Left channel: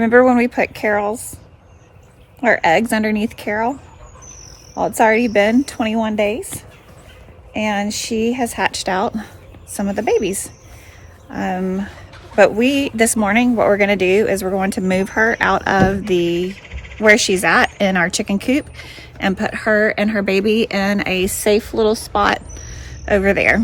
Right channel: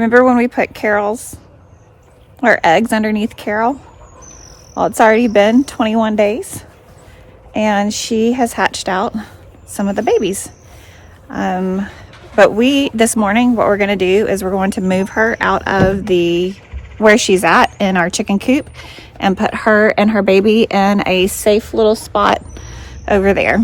Remember when we put our eggs underneath Carol? Well, it's already been 21 days and she has hatched out some of the babies. But this morning, what we're gonna do is we're going to move her out of where she's at in our chicken coop and put her and her baby in a safe little spot over there.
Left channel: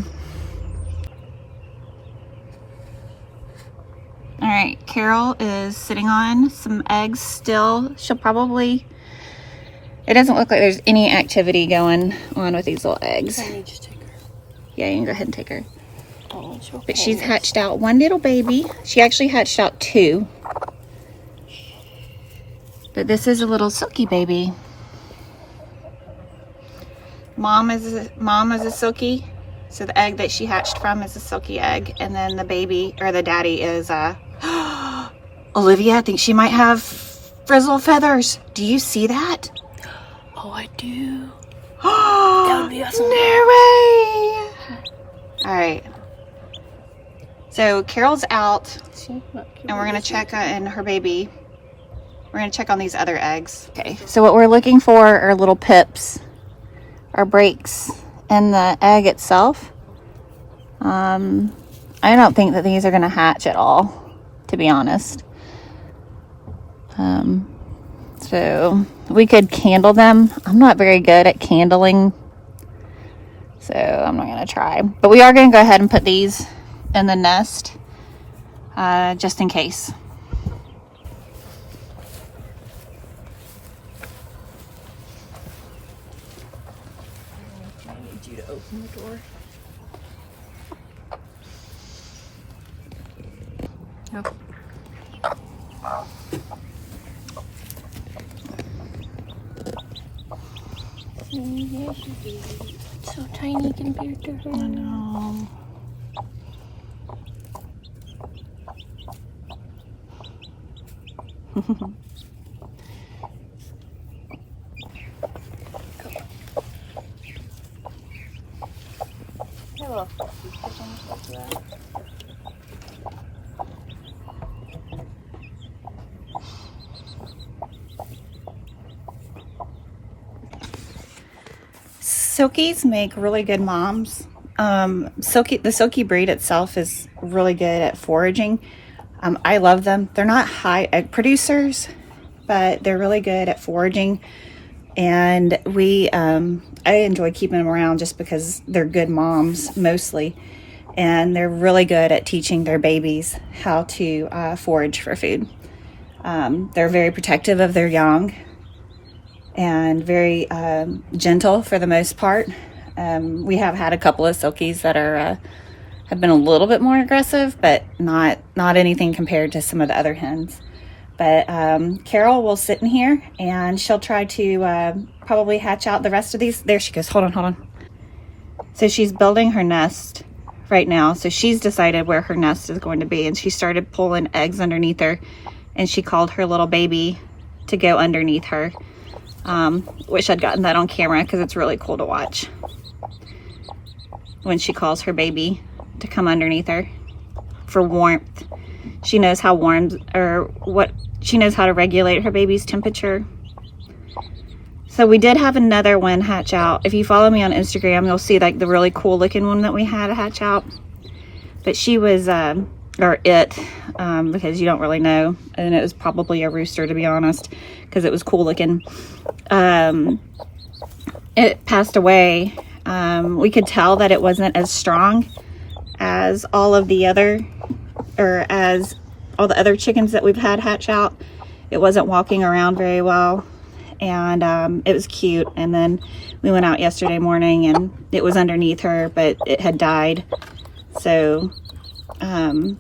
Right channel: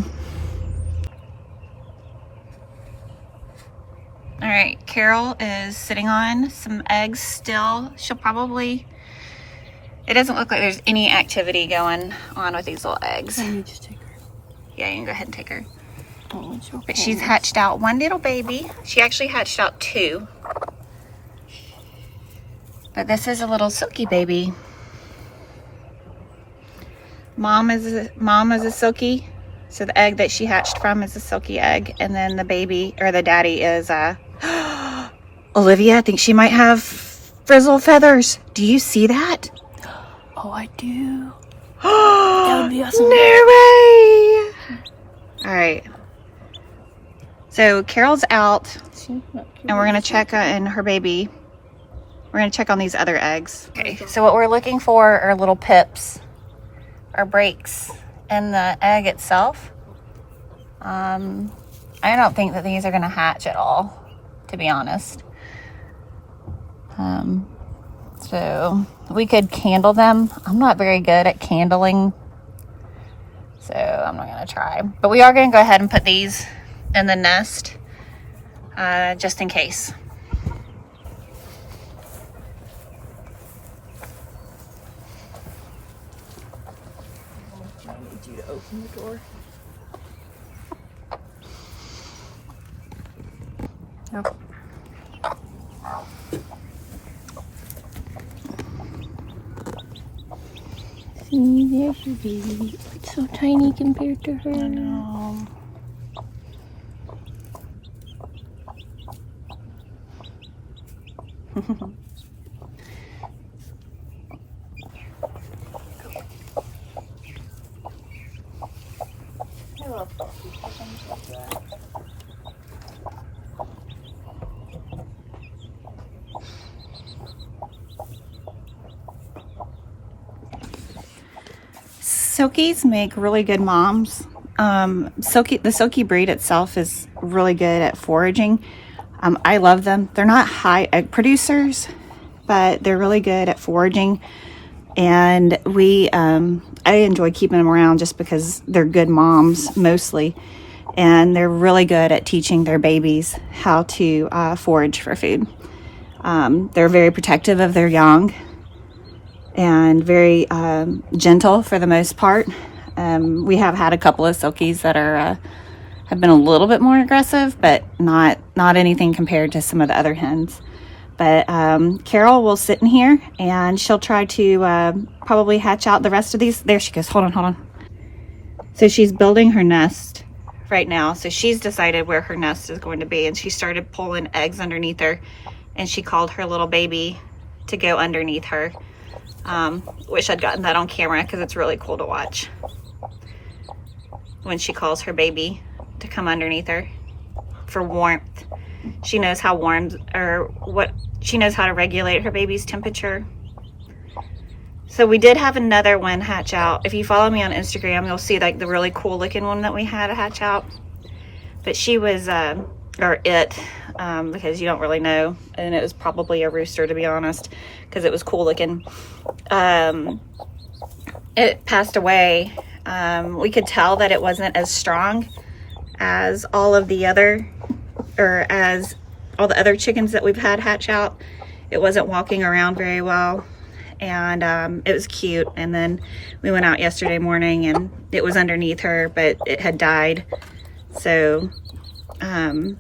All right, Carol is sitting on some eggs still. It doesn't look like there's any activity going on with these little eggs. I need to take her. Yeah, you can go ahead and take her. But she's hatched out one little baby. She actually hatched out two. But this is a little silkie baby. Mom is a silkie. So the egg that she hatched from is a silkie egg. And then the baby, or the daddy, is Olivia. I think she might have frizzle feathers. Do you see that? Oh, I do. That would be awesome. No way! All right. So Carol's out, and we're gonna check on her baby. We're gonna check on these other eggs. Okay, so what we're looking for are little pips or breaks in the egg itself. I don't think that these are gonna hatch at all, to be honest. So we could candle them. I'm not very good at candling, so I'm not gonna try. But we are gonna go ahead and put these in the nest, just in case. I need you to open the door. Oh. See, there's your baby. It's so tiny compared to her. I know. Silkies make really good moms. The silkie breed itself is really good at foraging. I love them. They're not high egg producers, but they're really good at foraging. And I enjoy keeping them around just because they're good moms mostly. And they're really good at teaching their babies how to forage for food. They're very protective of their young and very gentle for the most part. We have had a couple of silkies that have been a little bit more aggressive, but not anything compared to some of the other hens. But Carol will sit in here and she'll try to probably hatch out the rest of these. There she goes. Hold on. So she's building her nest right now. So she's decided where her nest is going to be, and she started pulling eggs underneath her, and she called her little baby to go underneath her. Wish I'd gotten that on camera because it's really cool to watch when she calls her baby to come underneath her for warmth. She knows how she knows how to regulate her baby's temperature. So we did have another one hatch out. If you follow me on Instagram, you'll see like the really cool looking one that we had hatch out. But she was, because you don't really know, and it was probably a rooster, to be honest, because it was cool looking. It passed away. We could tell that it wasn't as strong as as all the other chickens that we've had hatch out. It wasn't walking around very well, and it was cute. And then we went out yesterday morning and it was underneath her, but it had died. So and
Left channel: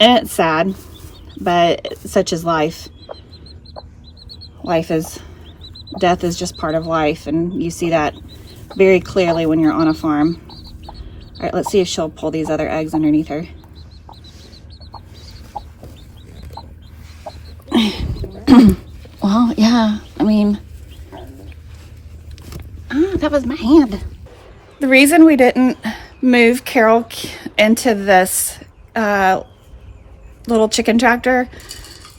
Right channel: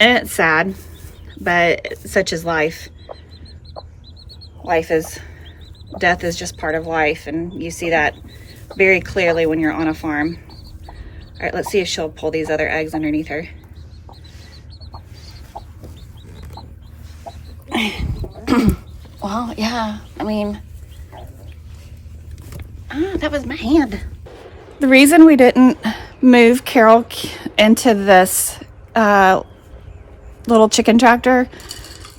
it's sad, but such is life. Death is just part of life, and you see that very clearly when you're on a farm. All right, let's see if she'll pull these other eggs underneath her. Well, yeah, I mean, that was my hand. The reason we didn't move Carol into this little chicken tractor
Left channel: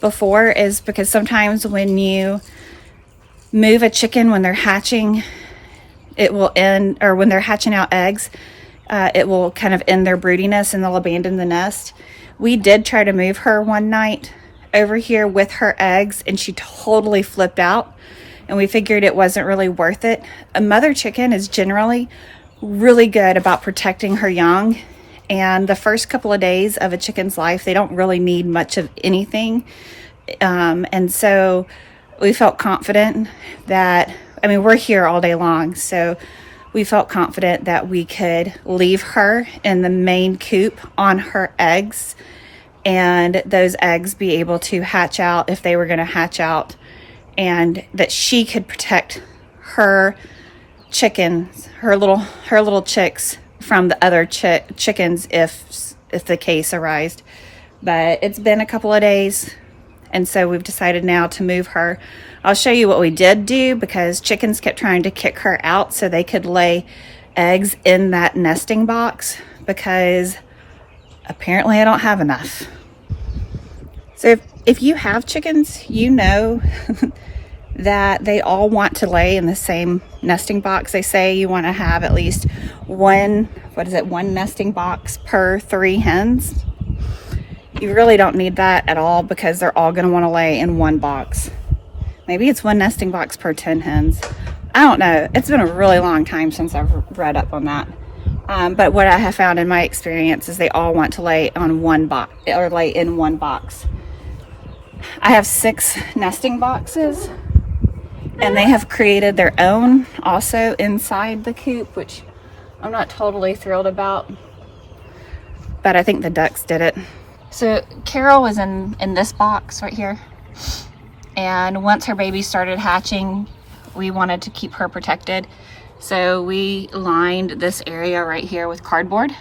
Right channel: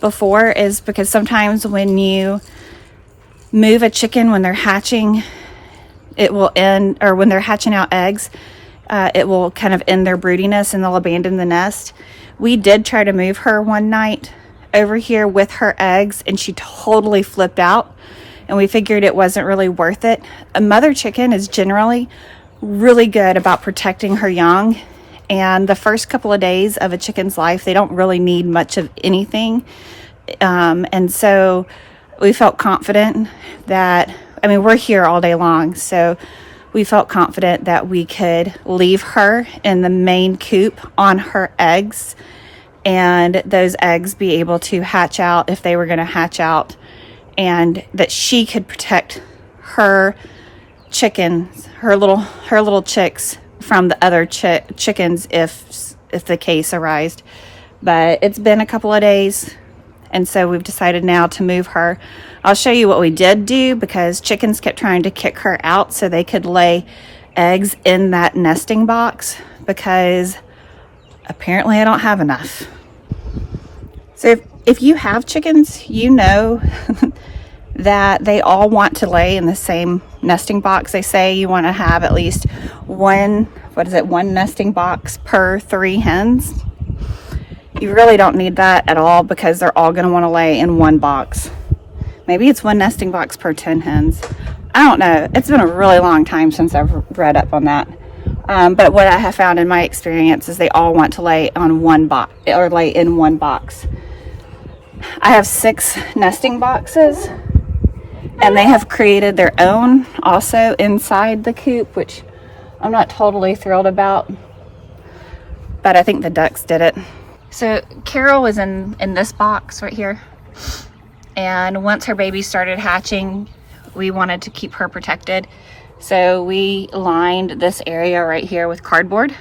before is because sometimes when you move a chicken when they're hatching, it will end, or when they're hatching out eggs, it will kind of end their broodiness and they'll abandon the nest. We did try to move her one night over here with her eggs and she totally flipped out, and we figured it wasn't really worth it. A mother chicken is generally really good about protecting her young, and the first couple of days of a chicken's life, they don't really need much of anything. And so we felt confident that, I mean, we're here all day long, so we felt confident that we could leave her in the main coop on her eggs, and those eggs be able to hatch out if they were going to hatch out, and that she could protect her chickens, her little chicks, from the other chickens if the case arised. But it's been a couple of days, and so we've decided now to move her. I'll show you what we did do, because chickens kept trying to kick her out so they could lay eggs in that nesting box, because apparently I don't have enough. So if you have chickens, you know that they all want to lay in the same nesting box. They say you want to have at least one nesting box per 3 hens. You really don't need that at all, because they're all going to want to lay in one box. Maybe it's 1 nesting box per 10 hens. I don't know. It's been a really long time since I've read up on that. But what I have found in my experience is they all want to lay on one box, or lay in one box. I have 6 nesting boxes, and they have created their own also inside the coop, which I'm not totally thrilled about, but I think the ducks did it. So Carol was in this box right here, and once her baby started hatching, we wanted to keep her protected. So we lined this area right here with cardboard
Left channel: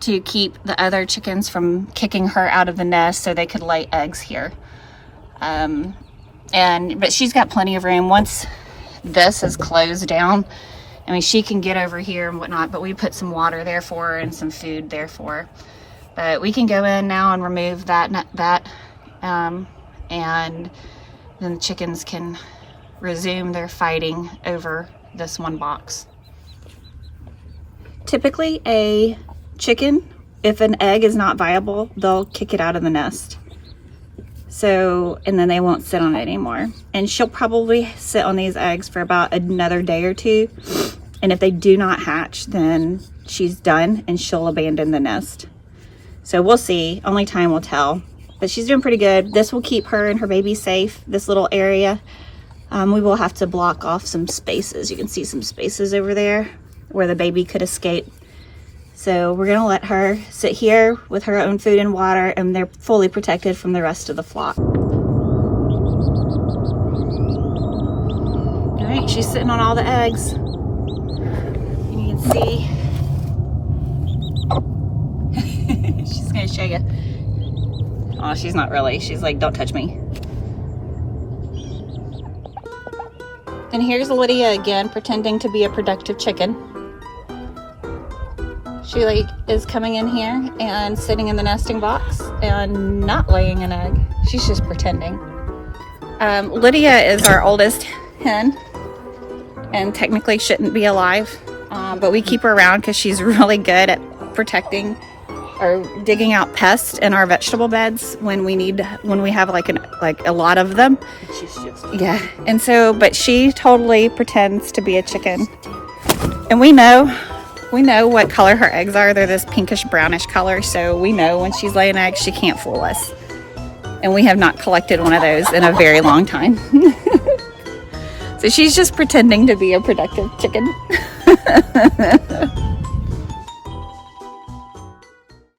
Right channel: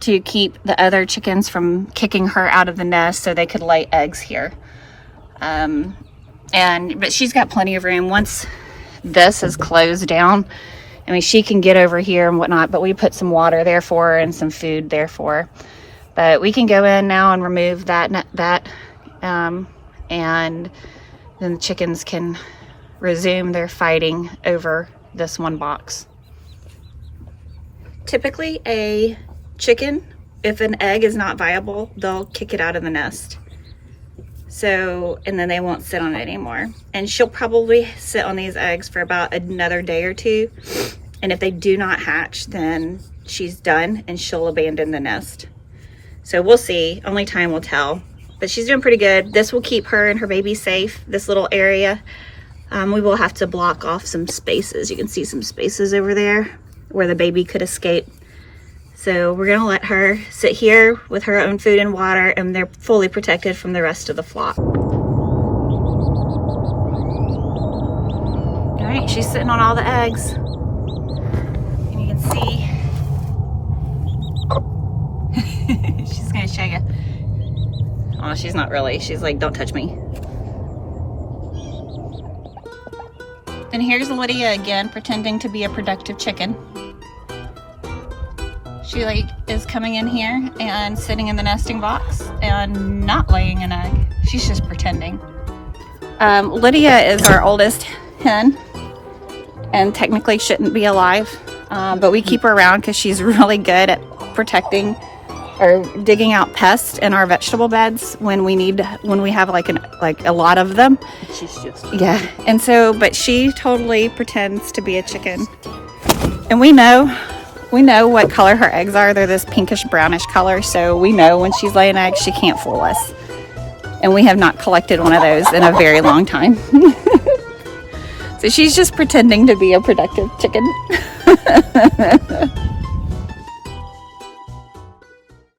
to keep the other chickens from kicking her out of the nest so they could lay eggs here. But she's got plenty of room. Once this is closed down, I mean, she can get over here and whatnot, but we put some water there for her and some food there for her. But we can go in now and remove that, and then the chickens can resume their fighting over this one box. Typically, a chicken, if an egg is not viable, they'll kick it out of the nest. So, and then they won't sit on it anymore. And she'll probably sit on these eggs for about another day or 2. And if they do not hatch, then she's done and she'll abandon the nest. So we'll see. Only time will tell. But she's doing pretty good. This will keep her and her baby safe, this little area. We will have to block off some spaces. You can see some spaces over there where the baby could escape. So we're gonna let her sit here with her own food and water, and they're fully protected from the rest of the flock. All right, she's sitting on all the eggs. And you can see, she's gonna show you. Oh, she's not really. She's like, don't touch me. And here's Lydia again, pretending to be a productive chicken. She is coming in here and sitting in the nesting box and not laying an egg. She's just pretending. Lydia is our oldest hen and technically shouldn't be alive, but we keep her around because she's really good at protecting or digging out pests in our vegetable beds when we have a lot of them. Yeah, and so, but she totally pretends to be a chicken, and we know what color her eggs are. They're this pinkish brownish color, so we know when she's laying eggs, she can't fool us. And we have not collected one of those in a very long time. So she's just pretending to be a productive chicken.